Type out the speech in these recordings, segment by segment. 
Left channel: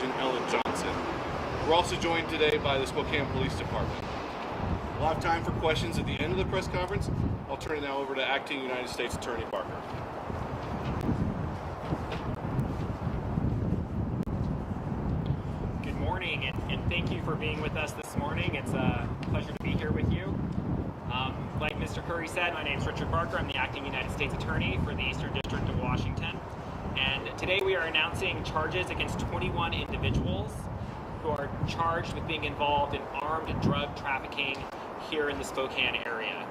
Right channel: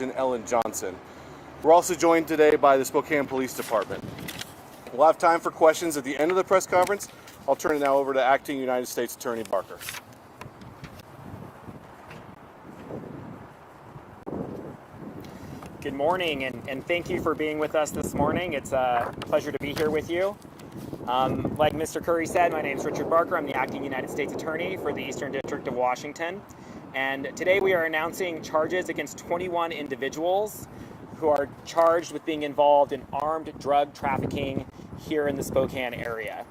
Ellen Johnson. We're also joined today by the Spokane Police Department. We'll have time for questions at the end of the press conference. I'll turn it now over to Acting United States Attorney Barker. Good morning, and thank you for being with us this morning. It's a pleasure to be here with you. Like Mr. Curry said, my name is Richard Barker. I'm the Acting United States Attorney for the Eastern District of Washington. And today we are announcing charges against 21 individuals who are charged with being involved in armed drug trafficking here in the Spokane area.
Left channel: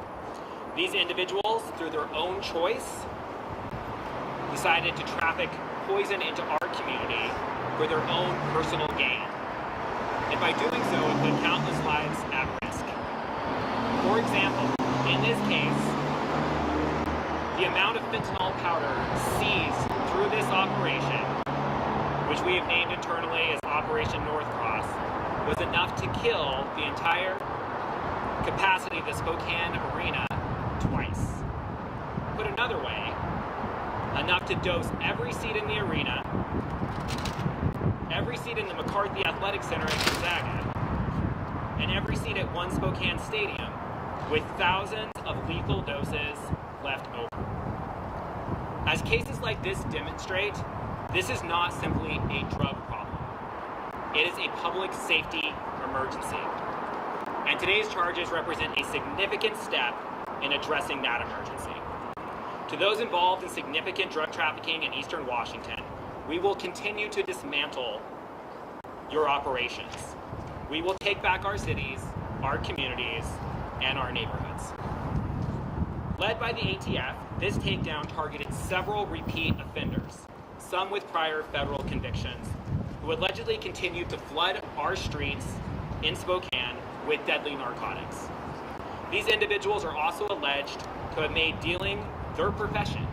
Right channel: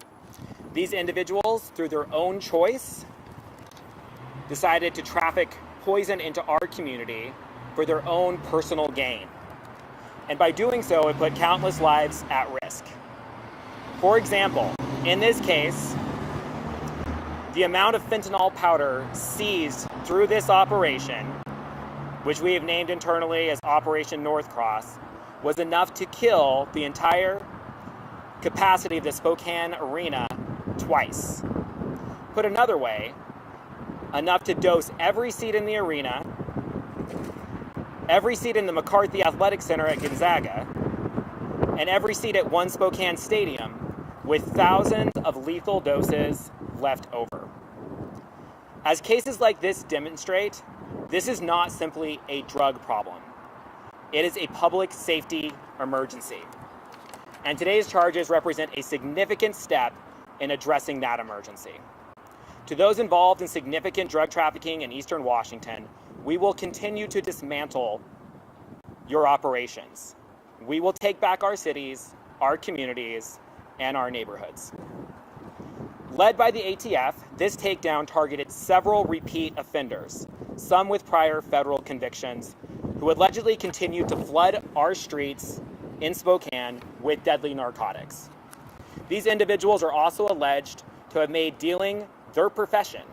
These individuals, through their own choice, decided to traffic poison into our community for their own personal gain. And by doing so, it put countless lives at risk. For example, in this case, the amount of fentanyl powder seized through this operation, which we have named internally as Operation Northcross, was enough to kill the entire capacity of the Spokane arena twice. Put another way, enough to dose every seat in the arena, every seat in the McCarthy Athletic Center at Gonzaga, and every seat at One Spokane Stadium, with thousands of lethal doses left over. As cases like this demonstrate, this is not simply a drug problem. It is a public safety emergency. And today's charges represent a significant step in addressing that emergency. To those involved in significant drug trafficking in Eastern Washington, we will continue to dismantle your operations. We will take back our cities, our communities, and our neighborhoods. Led by the ATF, this takedown targeted several repeat offenders, some with prior federal convictions, who allegedly continued to flood our streets in Spokane with deadly narcotics. These individuals are also alleged to have made dealing their profession,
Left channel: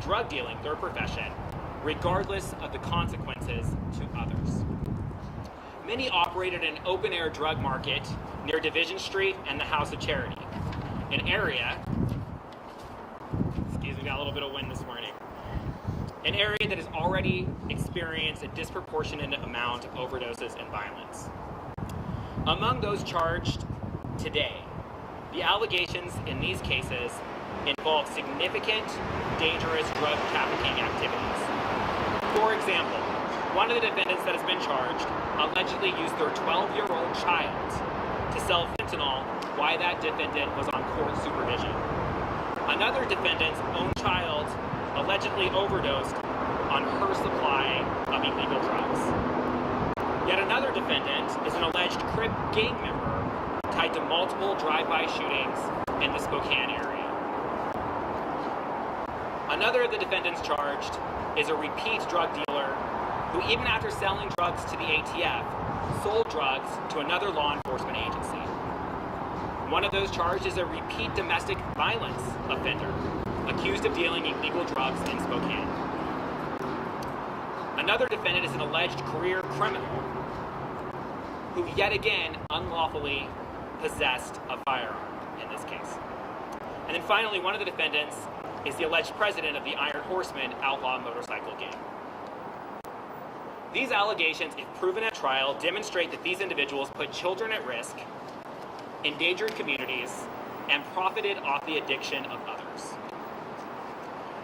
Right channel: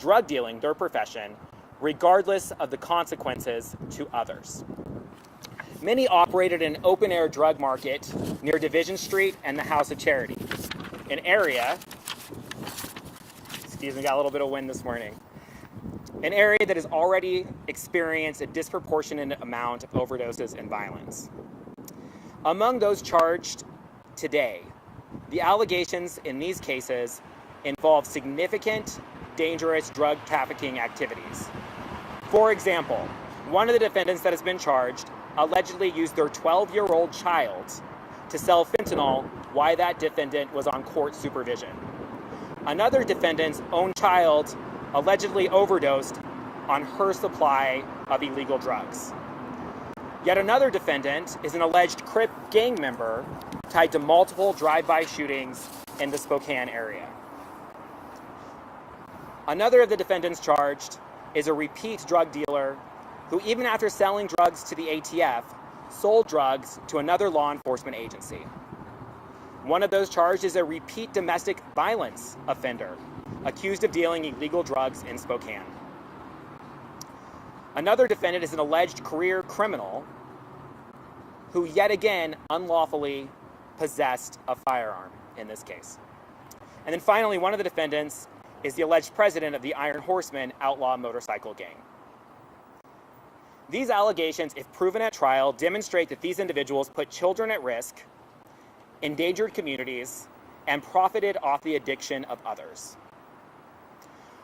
drug dealing their profession, regardless of the consequences to others. Many operated an open-air drug market near Division Street and the House of Charity, an area, got a little bit of wind this morning, an area that has already experienced a disproportionate amount of overdoses and violence. Among those charged today, the allegations in these cases involve significant, dangerous drug trafficking activities. For example, one of the defendants that has been charged allegedly used their 12-year-old child to sell fentanyl while that defendant was on court supervision. Another defendant's own child allegedly overdosed on her supply of illegal drugs. Yet another defendant is an alleged Crip gang member tied to multiple drive-by shootings in the Spokane area. Another of the defendants charged is a repeat drug dealer who, even after selling drugs to the ATF, sold drugs to another law enforcement agency. One of those charged is a repeat domestic violence offender, accused of dealing illegal drugs in Spokane. Another defendant is an alleged career criminal who yet again unlawfully possessed a firearm in this case. And then finally, one of the defendants is the alleged president of the Iron Horsemen outlaw motorcycle gang. These allegations, if proven at trial, demonstrate that these individuals put children at risk, endangered communities, and profited off the addiction of others.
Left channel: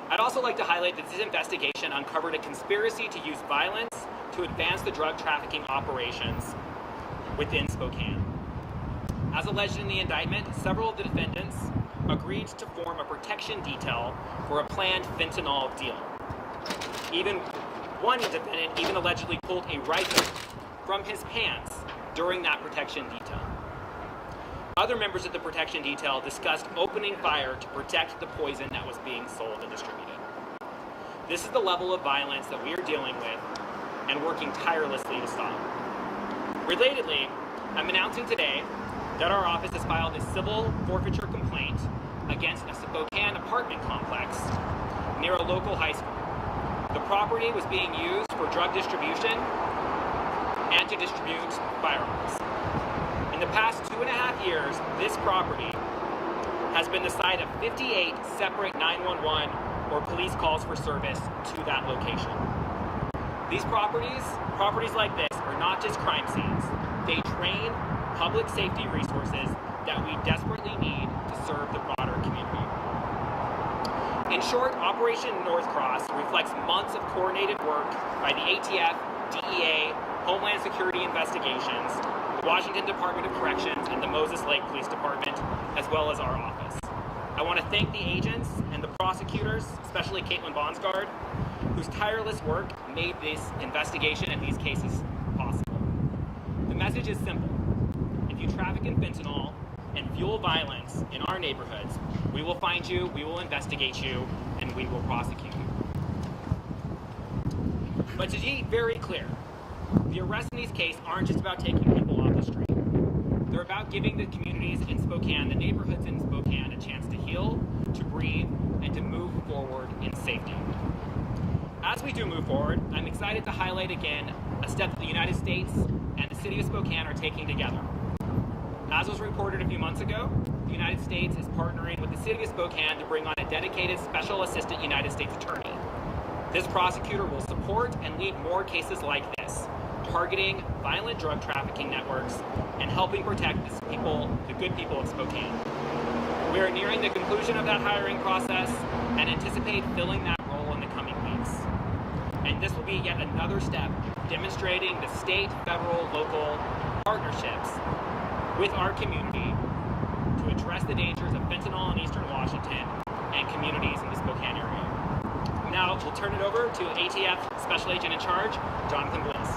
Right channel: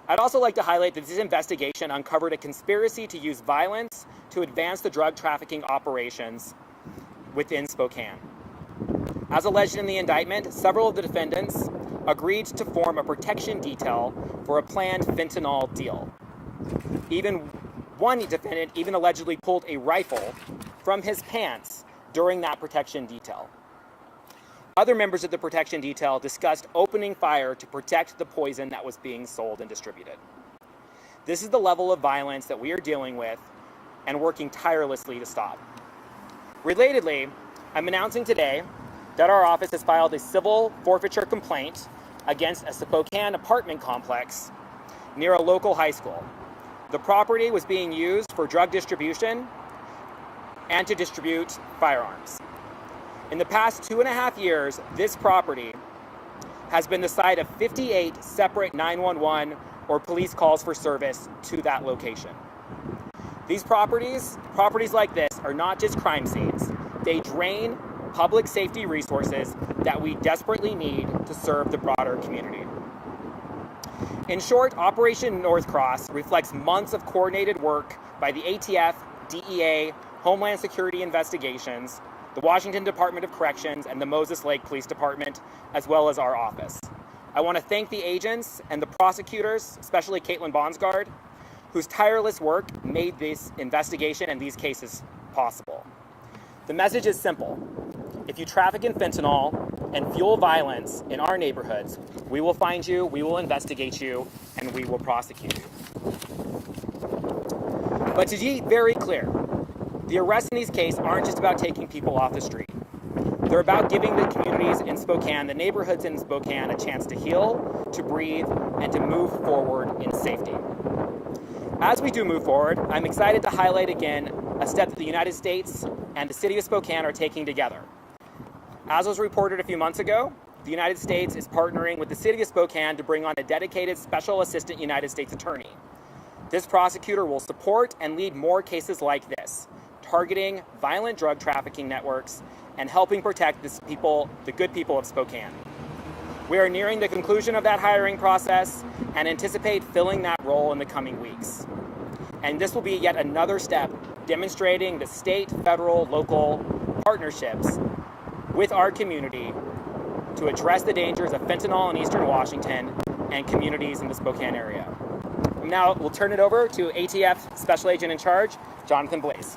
I'd also like to highlight that this investigation uncovered a conspiracy to use violence to advance the drug trafficking operations within Spokane. As alleged in the indictment, several of the defendants agreed to form a protection detail for a planned fentanyl deal. Even one defendant even allegedly pulled a rifle from his pants during that protection detail. Other members of the protection detail discussed opening fire to protect the poison that was being sold and distributed. This is the level of violence that we are dealing with and working tirelessly to stop. Relatedly, I'm announcing today that our office has filed a civil forfeiture complaint against a Spokane apartment complex near a local high school. The property was being used for drug distribution and to distribute firearms. In the past 2.5 years, this property has been the site of 58 separate 911 or police calls for service to that location. These properties like this, are not just crime scenes. They drain public safety resources that we desperately need to serve the broader community. In short, Operation Northcross reflects months of coordinated work by the ATF, DEA, Homeland Security Investigations, the Washington Department of Corrections, and the Moses Lake Police Department, as well as our office. I want to thank the agents and the prosecutors, especially Caitlin Bonsgard, whose tireless work made this investigation and these cases possible. The message is simple. If you traffic in fentanyl and fuel violence in our neighborhoods, we will find you, we will investigate you, and we will prosecute you. But to be very clear, the arrests in these cases aren't just about taking people off the street. They're about giving the communities in Spokane, the neighborhoods in Spokane, a chance to heal, to breathe, and to move forward in safety. As we do move forward, I'm excited to highlight again a step that the United States and the city of Spokane are taking together. As was reported a few months ago, the United States is partnering with the city of Spokane to bring on a dedicated Special Assistant United States Attorney. This prosecutor will support and lead more cases like this, targeting violent drug trafficking networks and helping protect the good people of Spokane. We are nearing the conclusion of that hiring process and anticipate filling that role in the coming weeks. And this will be yet another step demonstrating the state, federal, local partnerships with our community to address the dangers of fentanyl in Eastern Washington and communities in the Spokane area. Now we'll turn it over to ATF Special Agent in Charge, Jonathan Blaze.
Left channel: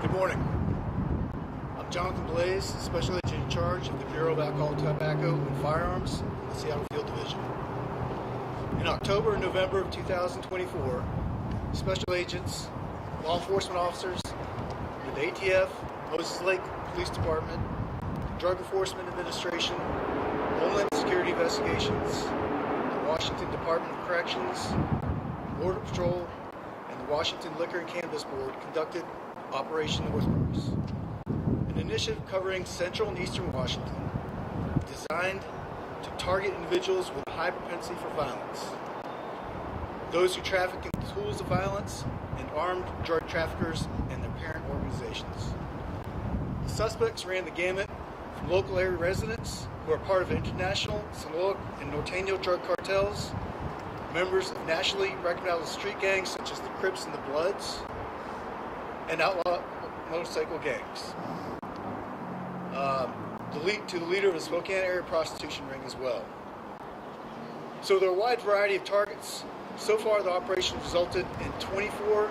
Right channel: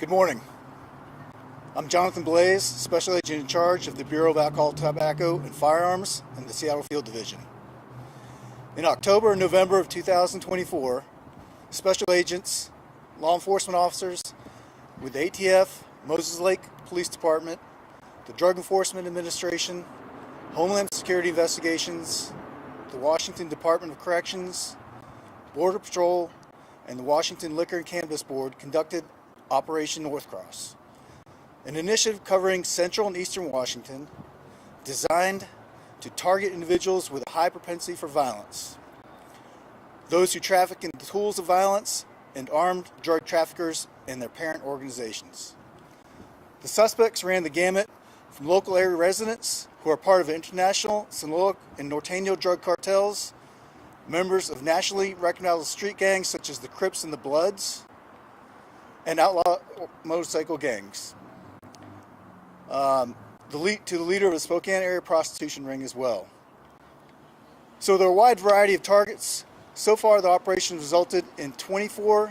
Good morning. I'm Jonathan Blaze, Special Agent in Charge of the Bureau of Alcohol, Tobacco, and Firearms in the Seattle Field Division. In October and November of 2024, special agents, law enforcement officers with the ATF, Moses Lake Police Department, the Drug Enforcement Administration, Homeland Security Investigations, the Washington Department of Corrections, Border Patrol, and the Washington Liquor and Cannabis Board conducted Operation Northcross, an initiative covering central and eastern Washington designed to target individuals with a high propensity for violence, those who traffic in tools of violence, and armed drug traffickers and their parent organizations. The suspects ran the gamut from local area residents who are part of international Sinaloa and Norteño drug cartels, members of nationally recognized street gangs such as the Crips and the Bloods, and outlaw motorcycle gangs. To the leader of the Spokane area prostitution ring as well. So there are a wide variety of targets. So far the operation resulted in 21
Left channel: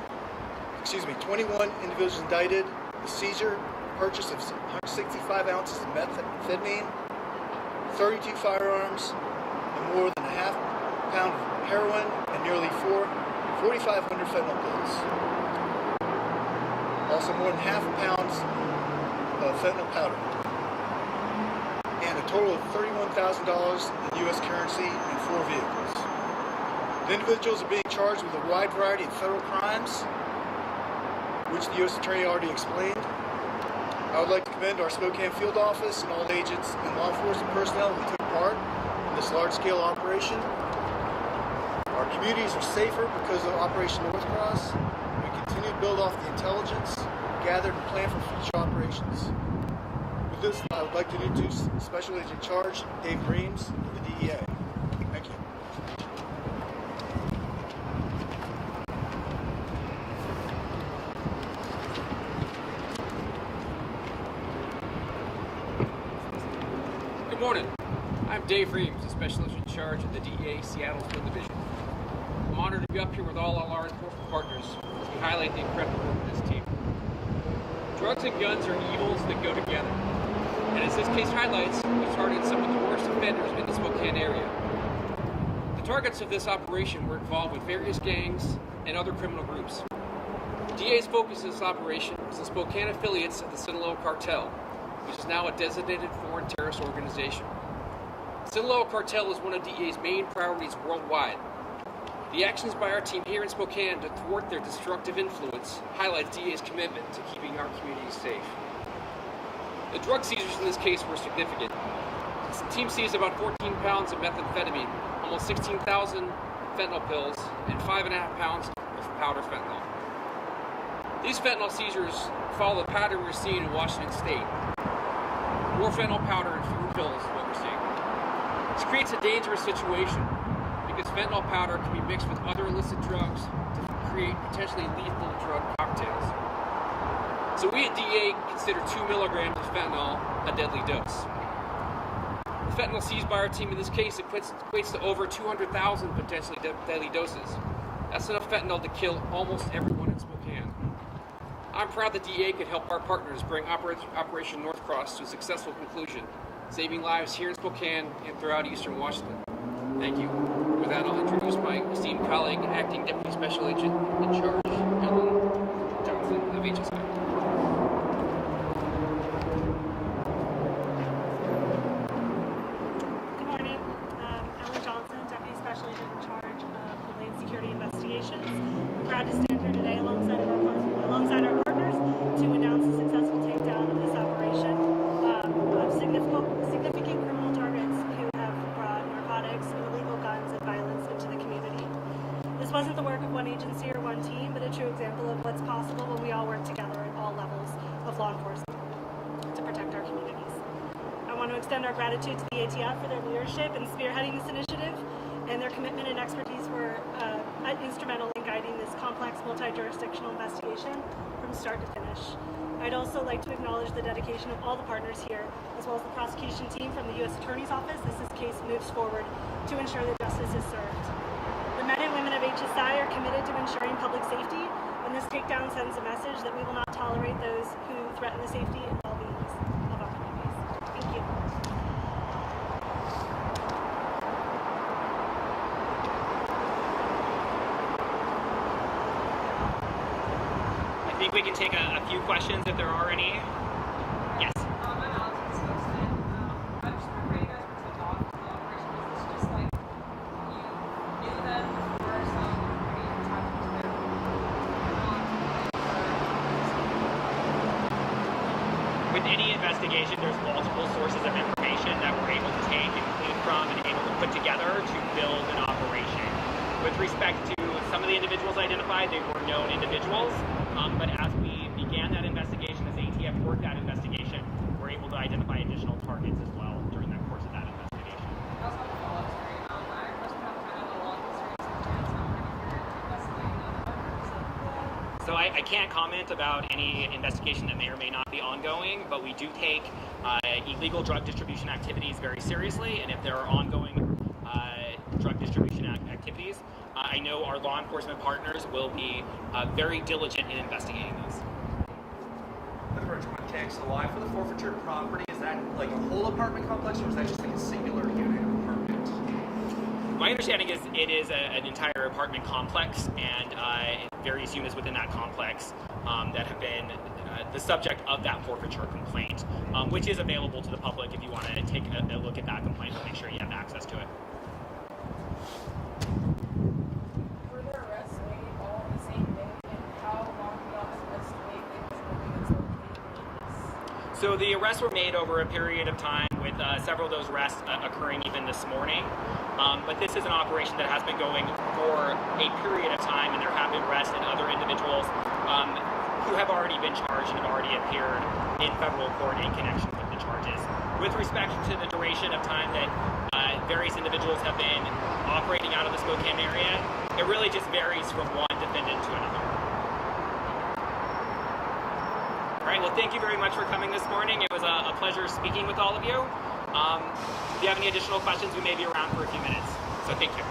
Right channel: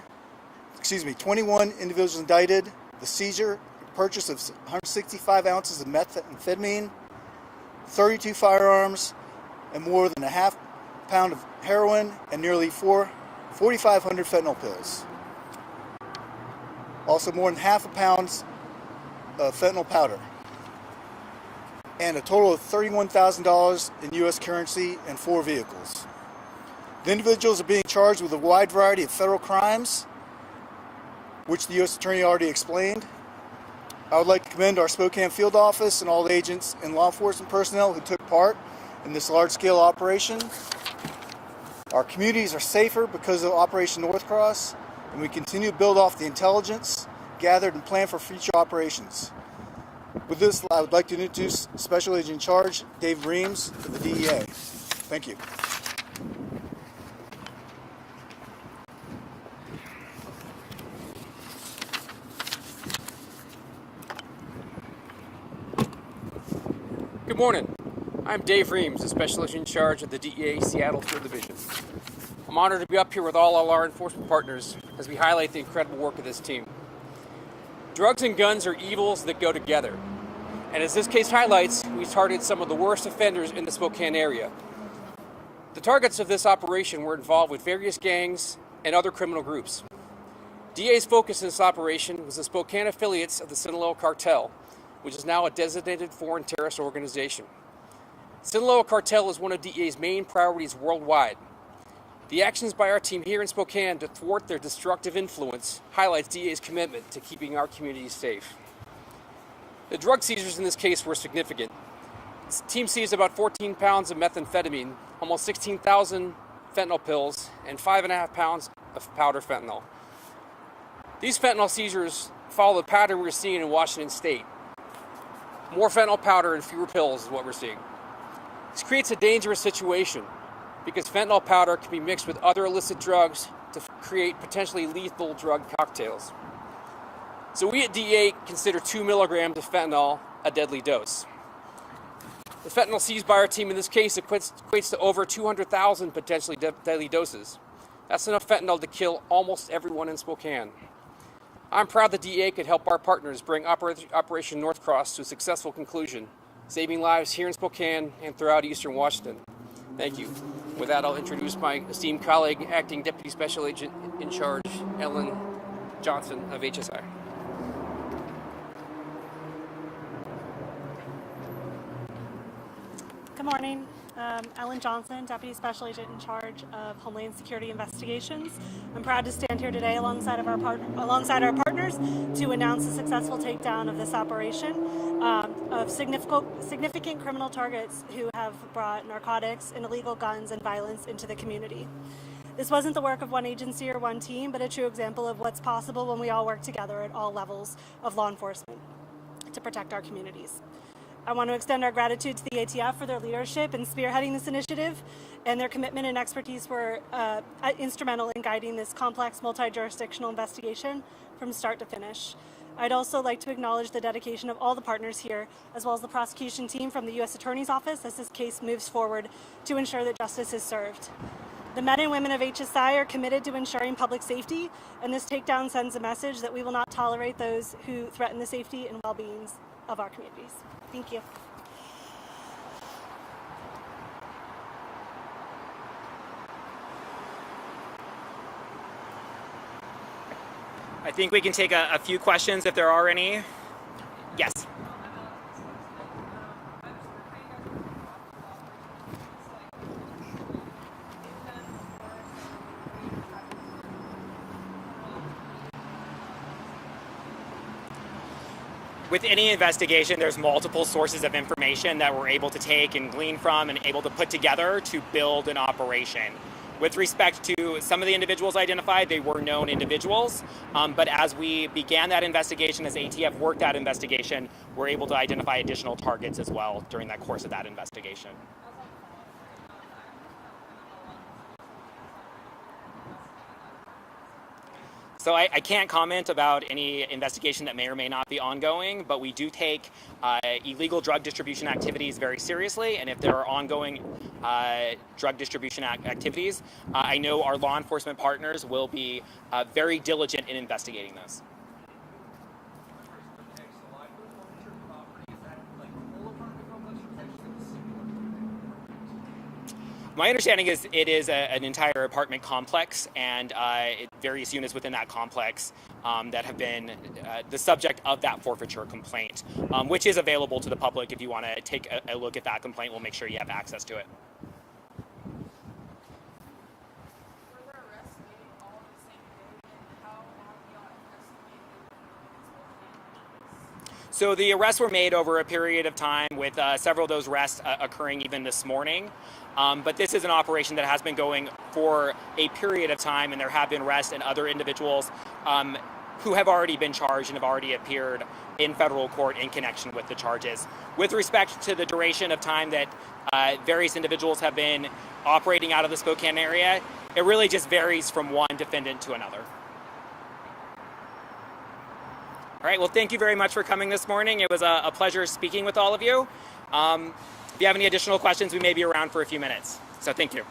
individuals indicted, the seizure, purchase of 165 ounces of methamphetamine, 32 firearms, and more than a half pound of heroin and nearly 4,500 fentanyl pills. Also more than half a pound of fentanyl powder, and a total of $31,000 in U.S. currency and 4 vehicles. The individuals are being charged with a wide variety of federal crimes, which the U.S. Attorney already explained. I would like to commend our Spokane field office and all the agents and law enforcement personnel who took part in this large-scale operation. Our communities are safer because of Operation Northcross, and we continue to build off the intelligence gathered and plan for future operations. With this, I would like to introduce Special Agent in Charge, Dave Reams, for the DEA. Thank you. Good morning. I'm Dave Reams, the Special Agent in Charge of the DEA Seattle Field Division. I'm honored to be up here with all our law enforcement partners as we highlight the incredible work of this team. Drugs and guns are evils that go together. And as this case highlights, we targeted some of the worst offenders in the Spokane area. The targets of this operation were involved with various gangs and other criminal groups. DA's focus in this operation was the Spokane affiliates of the Sinaloa cartel, which is now a designated foreign terrorist organization. Sinaloa cartel is one of DA's main priorities worldwide. The actions by our team here in Spokane to thwart their destructive influence highlights DA's commitment to keeping our communities safe. The drug seizures in this case were significant. The team seized about 14 pounds of methamphetamine, almost 16,000 fentanyl pills, and 5.5 pounds of powder fentanyl. These fentanyl seizures follow the pattern we're seeing in Washington State. More fentanyl powder and fewer pills is what we're seeing. This creates a dangerous situation because fentanyl powder can be mixed with other illicit drugs to create potentially lethal drug cocktails. So we at DEA consider 2 milligrams of fentanyl a deadly dose. The fentanyl seized by our team in this case equates to over 200,000 potentially deadly doses. That's enough fentanyl to kill almost everyone in Spokane. I'm proud that DEA could help our partners bring Operation Northcross to a successful conclusion, saving lives here in Spokane and throughout eastern Washington. Thank you. With that, I'll introduce my esteemed colleague, Acting Deputy Special Agent in Charge, Ellen Johnson of HSI. Good morning. Ellen Johnson, Deputy Special Agent in Charge of Homeland Security Investigations. I'm proud to stand here today alongside our partners to announce the successful takedown of this operation of significant criminal targets who have brought narcotics and illegal guns and violence into the community. This wasn't the work of one agency or one team, but a true example of what's possible when we all work together at all levels of law enforcement to protect our communities. I want to extend our gratitude to the ATF for their leadership in spearheading this initiative, and their commitment and expertise were instrumental in guiding this complex multi-jurisdictional investigation from start to finish. I'd also like to acknowledge the dedication of all the partners here, as well as the prosecution team from the U.S. Attorney's Office as this case moves forward to ensure that justice is served. The men and women of HSI are committed to ensuring public safety, and this takedown sends a message that we will not tolerate those who threaten the safety and well-being of our communities. Thank you. I think we can take a few questions if there are any. Yes. With any investigation, there's multiple sources of information that we're able to take and glean from and able to put together to build an operation. With respect to some of the individuals identified, they were known individuals, but as we began that investigation, as ATF worked that investigation, we're able to identify additional targets as well during that course of that investigation. So I can't comment about any investigation that may or may not be ongoing, but we do take illegal drug distribution activities very seriously, and if there are ongoing drug distribution activities, I know our law enforcement partners will be very diligent in investigating those. For context, so why for the forfeiture property, is that like a whole apartment complex, or is that just like a singular unit apartment? My understanding is it is an entire apartment complex and various units within that complex that have been the subject of that forfeiture complaint, which is available to the public. If you want to take a look at that complaint, we'll make sure you have access to it. Were there arrests made all on the same day, and how long beyond the arrest wait they So the arrests were made over a period of time, with several of those arrests occurring even this morning. But this is an operation that has been going for a period of time, and there have been arrests and other individuals who have already been charged and have already appeared in federal court in connection with the charges. With respect to the duration of time that various individuals have been operating out of the Spokane area, it really just varies from one defendant to another. All right, well, thank you very much for coming this morning. It was a pleasure speaking with all of you. If you have any additional questions, we may be around for a few minutes. So thank you.